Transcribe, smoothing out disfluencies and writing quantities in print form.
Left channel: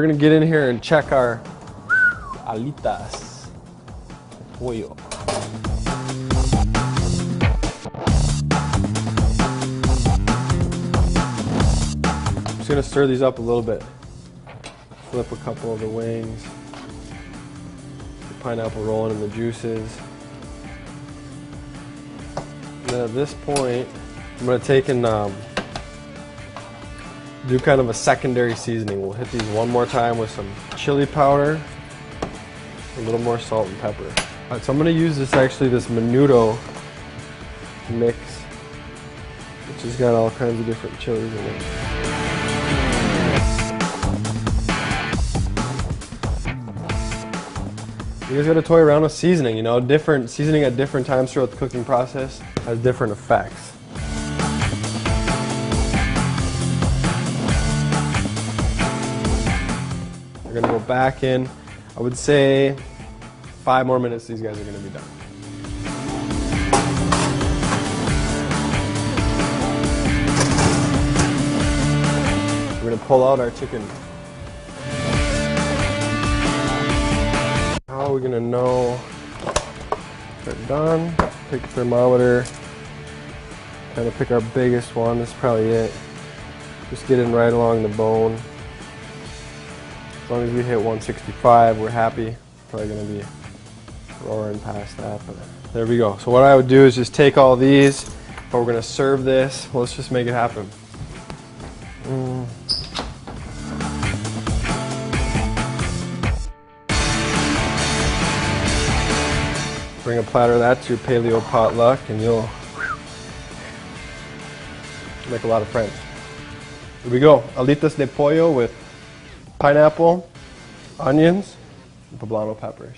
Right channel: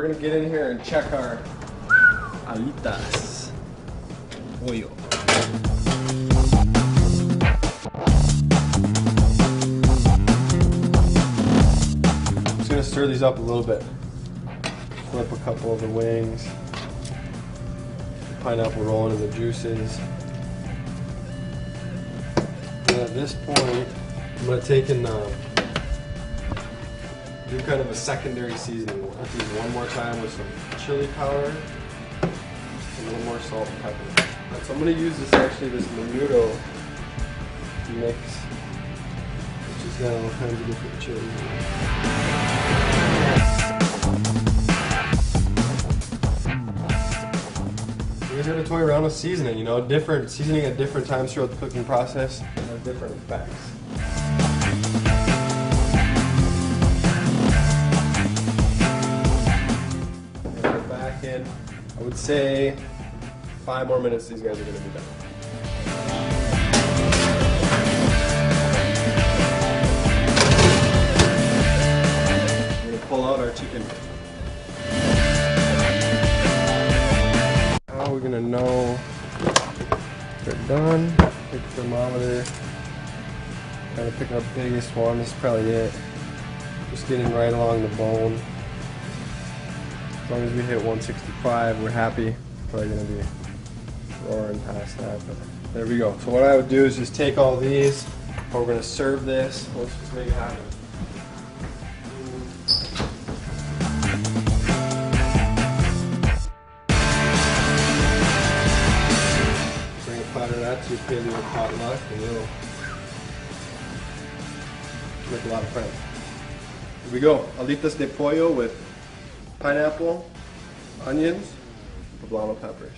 we're gonna get in here and check our alitas pollo. I'm just gonna stir these up a little bit. Flip a couple of the wings. Pineapple rolling in the juices. And at this point, I'm gonna take and do kind of a secondary seasoning. We'll hit these one more time with some chili powder, a little more salt and pepper. All right, so I'm gonna use this menudo mix, which has got all kinds of different chilies in it. You guys gotta toy around with seasoning, you know, different seasoning at different times throughout the cooking process has different effects. We're gonna go back in, I would say 5 more minutes, these guys are gonna be done. We're gonna pull out our chicken. How are we gonna know they're done? Pick a thermometer, kind of pick our biggest one, this is probably it. Just get in right along the bone. As long as we hit 165, we're happy. Probably gonna be roaring past that, but there we go. So what I would do is just take all these, we're gonna serve this. Let's just make it happen. Bring a platter of that to your Paleo potluck and you'll make a lot of friends. Here we go, alitas de pollo with pineapple, onions, and poblano peppers.